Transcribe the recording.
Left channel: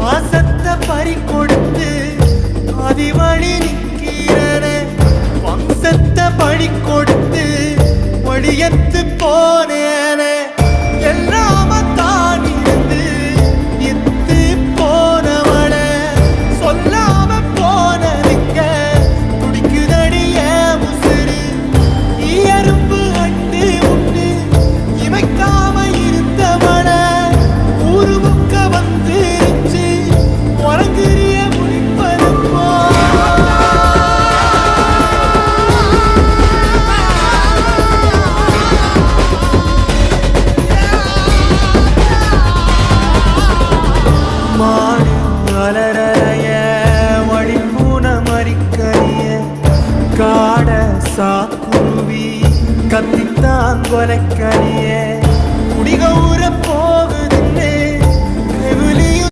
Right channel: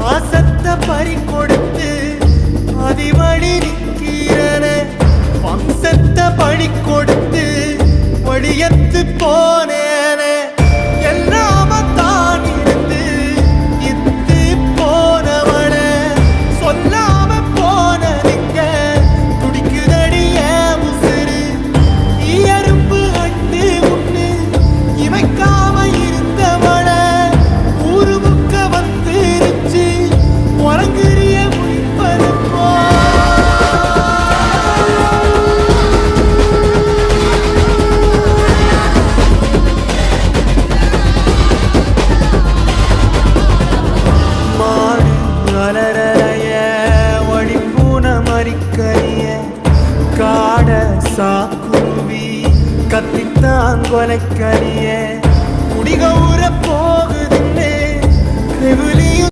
பாசத்தை பறி கொடுத்து அதிவழி நிக்கிறன வம்சத்தை பழி கொடுத்து வழியத்து போனேன எல்லாம தான் இருந்து இத்து போனவன சொல்லாம போனதிங்க துடிக்குதடிய உசுறு எறும்பு அண்டு முன்னு இமைக்காம இருந்தவன ஊரு முக்க வந்துருச்சு உறங்குறிய முடிப்பதப்போ மாடு அலறலைய வழிப்பூன மறிக்கலிய காட சாக்குருவி கத்தித்தாங்கொலைக்கலிய குடிகவுற போகுதுன்னு கெவுலியும்